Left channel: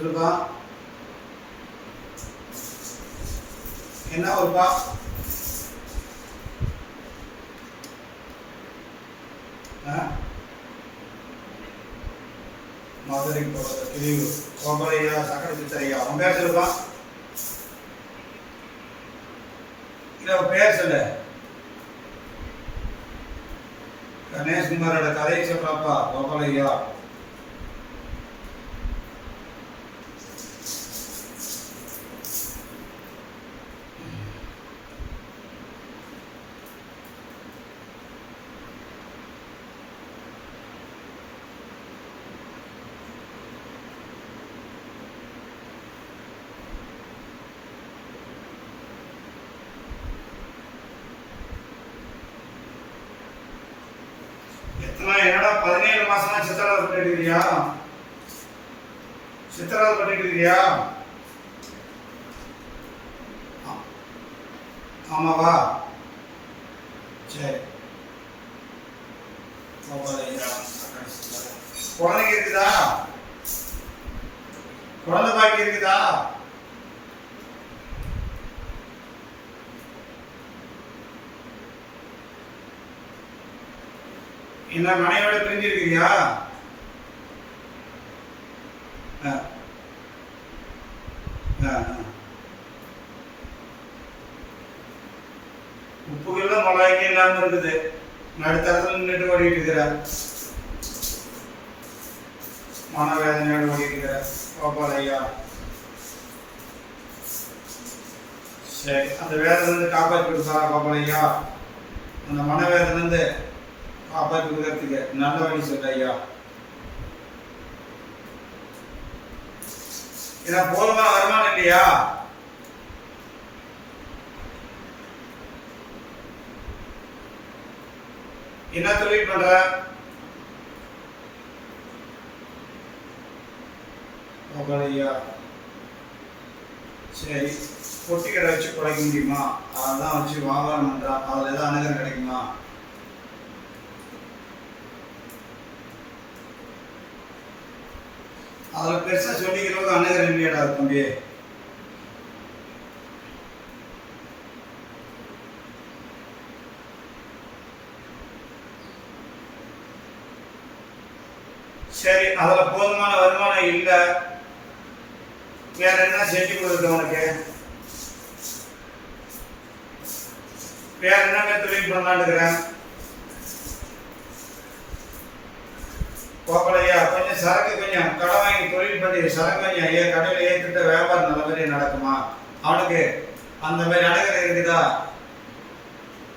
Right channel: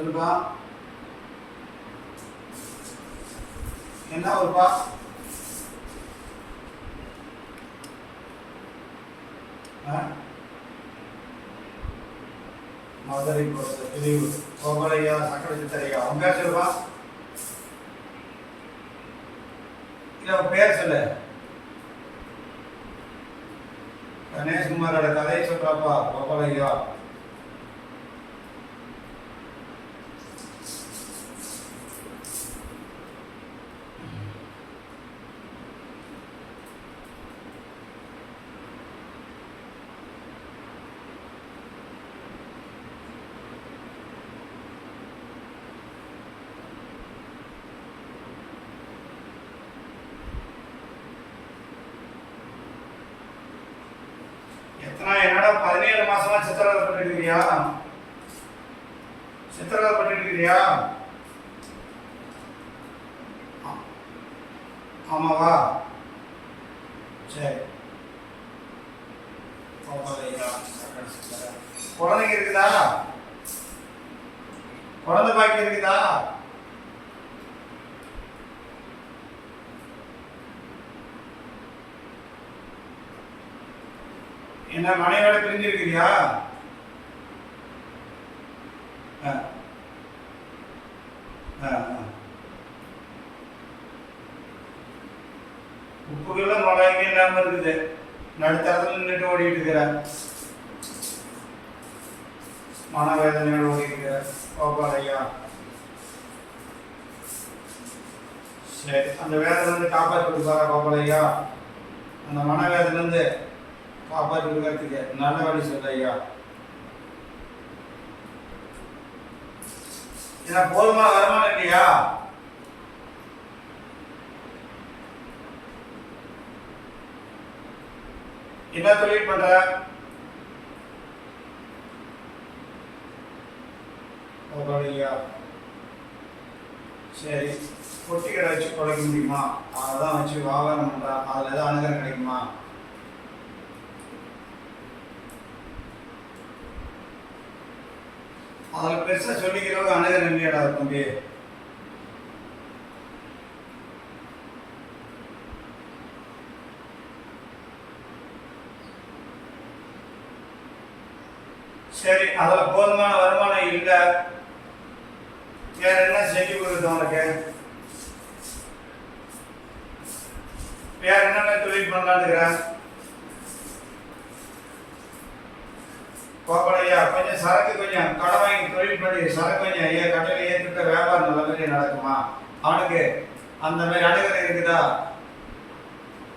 சொல்லுப்பா. என்ன ஒருப்பா மதுரை போகிறது கிளியூர் கோமலையா சக்கரை சித்தரையா? அவன் பேர் சொல்லுப்பா. இல்லை அவன் பேர் சொல்லு. கணேஷ்குமாரோட கதையை சொல்றாப்பா கோபாலையா பதினேழு மாசமா சித்திரவதை பண்ணிட்டு இருக்கிறியா சித்திரவதை பண்ணிட்டு இருக்கிறியா ஆமாவா சரி. கோபாலையா, குழந்தைங்க இருக்குதா? குழந்தை பாக்கி இருக்குதா? என்ன மனைவியோட பிரிஞ்சிருக்கிறியா இருக்கிறியா ஆ. இல்லாம இருக்குது. நடுத்தரத்துல நின்றுட்டு ஓடிட்டு இருக்கிறார் மனவேதனையோடு ஓடி இருக்கிற. கோபால் ஐயா சரி அந்த வேதனை இருந்து காப்பாற்றி கொடுப்பாரா கோபால் ஐயா அந்த மனவேதனை பாப்பா காப்பாற்றி கொடுக்கறதுக்கு நல்ல வழி சொல்ல ஐயா. ஏன்னா போதுமா வருமானம் இல்லையா என்ன தொழில் பண்ற? ஐயா. சரி பொட்டி கடை வச்சு குறைக்க முடியுமா? அதான் வச்சு வியாபாரம் பண்றான் அதில் ஏதாவது அனுகிரம் கிடைக்குமா? அதில் பெருசாக சொல்லிக்கிறவங்க அன்னகர் இல்லையடா தம்பி. சரி அதில் போதுமான வருமானம் இல்லை. வேற என்ன செஞ்சு கொடுக்குறது உனக்கு? வேற என்னென்ன தொழில் பண்ணலான்னு இருக்கிறேன்? கோப்பலையா? கொஞ்சம் சரக்கு கொஞ்சம் கடை வாங்கி தொழில் பண்ணி சரக்கு கொஞ்சம் ஐயா கடையில் ஏற்றுட்ட வியாபாரம் நல்ல மாதிரி நடக்குமா? அவனுக்கு அந்த மாதிரி அணுகல் இருக்குதா?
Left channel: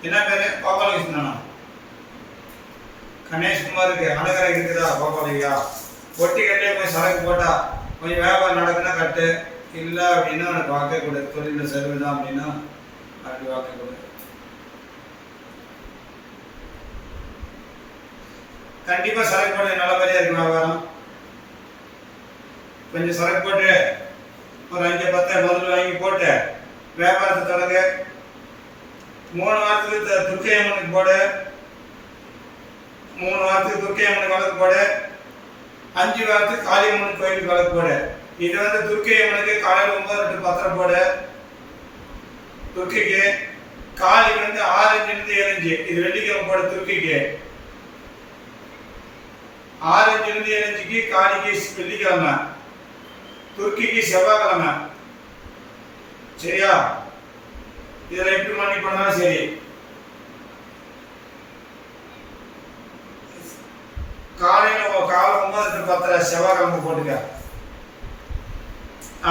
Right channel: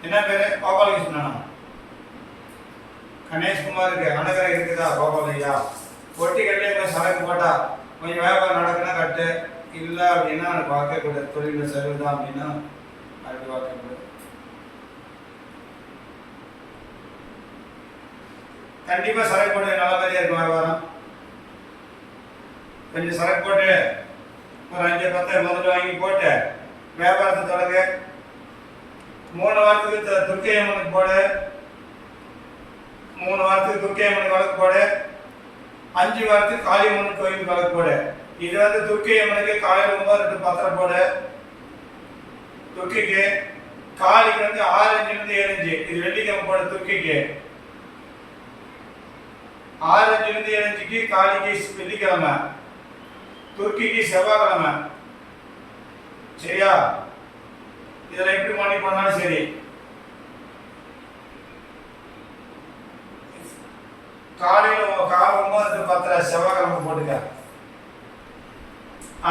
என்ன பேரு? கோபாலகிருஷ்ணனா கணேஷ்குமாருக்கு அணுகல் இருக்குதா கோபாலையா ஒட்டி கட்டிலே போய் சரக்கு போட்டா கொஞ்சம் வியாபாரம் நடக்குன்னா கட்டு. இல்லை அப்படின்னா அவனுக்கு வாக்கக்கூடாது கொடு. தொழில் செலவு தான் அப்படின்னா அப்படி வாக்கக்கூடாது கண்டிப்பாக கண்டிப்பா சரக்கு போட்டு நல்ல மாதிரியா இருக்கும் வியாபாரம் கொஞ்சம் சரக்கு போட்டு ஒரு அஞ்சு பத்து முதல்ல வாங்கி போட்டு வியாபாரத்தை தொடங்க. மூணு வாரத்துக்கு த- துர்க்கை அம்மனுக்கு போடு. மூணு வாரத்துக்கு துர்க்கை அம்மனுக்கு வழக்கு போடு. அஞ்சு வாரத்துக்கு காளியம்மன் கோயிலுக்கு வழக்கு போடு. இது வந்து துர்க்கை அம்மனுக்கு காலையில் ஒன்பது ரெண்டு பத்திரம் போடு. துர்க்கைக்கு காளிக்கு வந்து ஆறு இருந்து ஏழு இது வெள்ளிக்கிழமை போடு துர்க்கைக்கு. ஆறு இருந்து ஏழு இன்ச்சுக்கு காளிக்கு வெள்ளிக்கிழமை துருக்கிக்கு செவ்வாய்க்கிழமை. சரியா? இதில் எப்படி மணி பண்ணாலும் சரி. காலையில் காலை ஒன்பது பத்தரை செவ்வாய்க்கிழமை போட்டுக்க.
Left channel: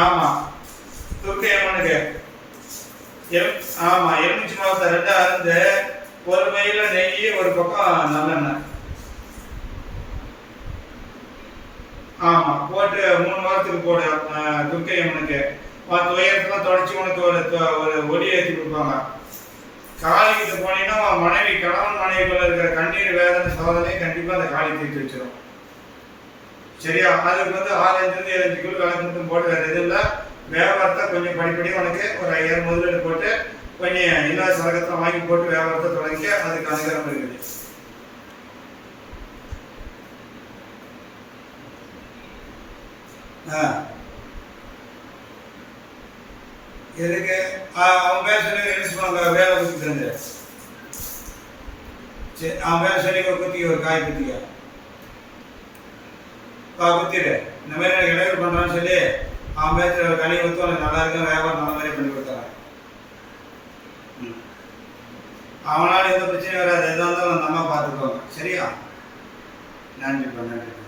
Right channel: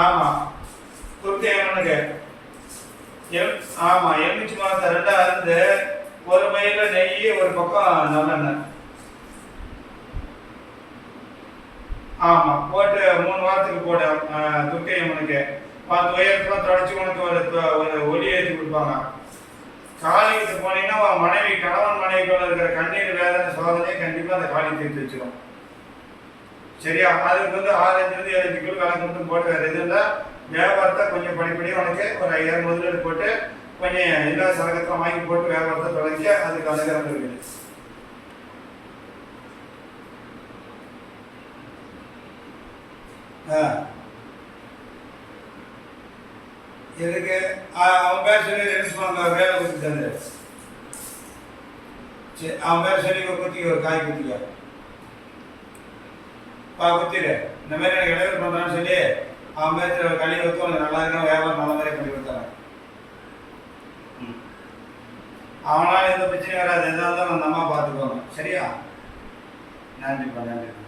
ஆமாம் துருக்கி எவனுக்கு எம் ஆமாம் எலுமிச்சி மாசத்தை ரெண்டாக இருந்து ஒரு பையில நெய் ஒரு பக்கம் நல்லெண்ணெய். ஆமா போட்டு மூணு வாரத்துக்கு போட துர்க்கை அம்மனுக்கு. பத்து உயரத்துல தொடச்சி உனக்கு ஒரு தொ- ஒரு ஒளி ஏற்றி கொடுப்பாங்க. காளிக்கிட்ட போனீங்கன்னா உன் மனைவி கணவன் மனைவிக்குள்ள இருக்கிற கண்ணீர் வேதனை சோதனையே கண்டிப்பா அந்த காளி தீர்த்து வச்சிடும் சரியா? அதுக்கு வந்து ஆரஞ்சுலேருந்து இருந்து ஏழு மட்டும் போட்டு வேற எதுவும் இல்லை வியாபாரத்தை கொஞ்சம் படிப்படியாக உனக்கு ஒரு ஐயாயிரம் முதலீடு போட்டு கொஞ்சம் எல்லா சரகத்தை வாங்கி போட்டு வியாபாரத்தை தொடங்கி அதுக்கு அனுகிரகம் இருக்குது ஆ- அவன் பேர் சொல்லி ரெடியூஸ் பண்ணுங்க வேலை குத்தி தந்து. சரி அவன் பேர் சொல்லி ஒரு குத்தி ஒரு காய் குத்திக்க. பா குத்திடு இந்த மாதிரி எனக்கு இடையூறு பண்ணுறான்னு சொல்லி அவன் பேர் களி ஊற்றி உனக்கு நல்லா இருக்கும் வியாபாரம் நல்ல மாதிரி பண்ணி கொடுத்துறேன். ம். அவனால எந்த பிரச்சனையும் வராது. எதாக இருந்தாலும் அந்த அம்மா பார்த்துக்குவாங்க சரியா? நன்றிப்பா நன்றிப்பா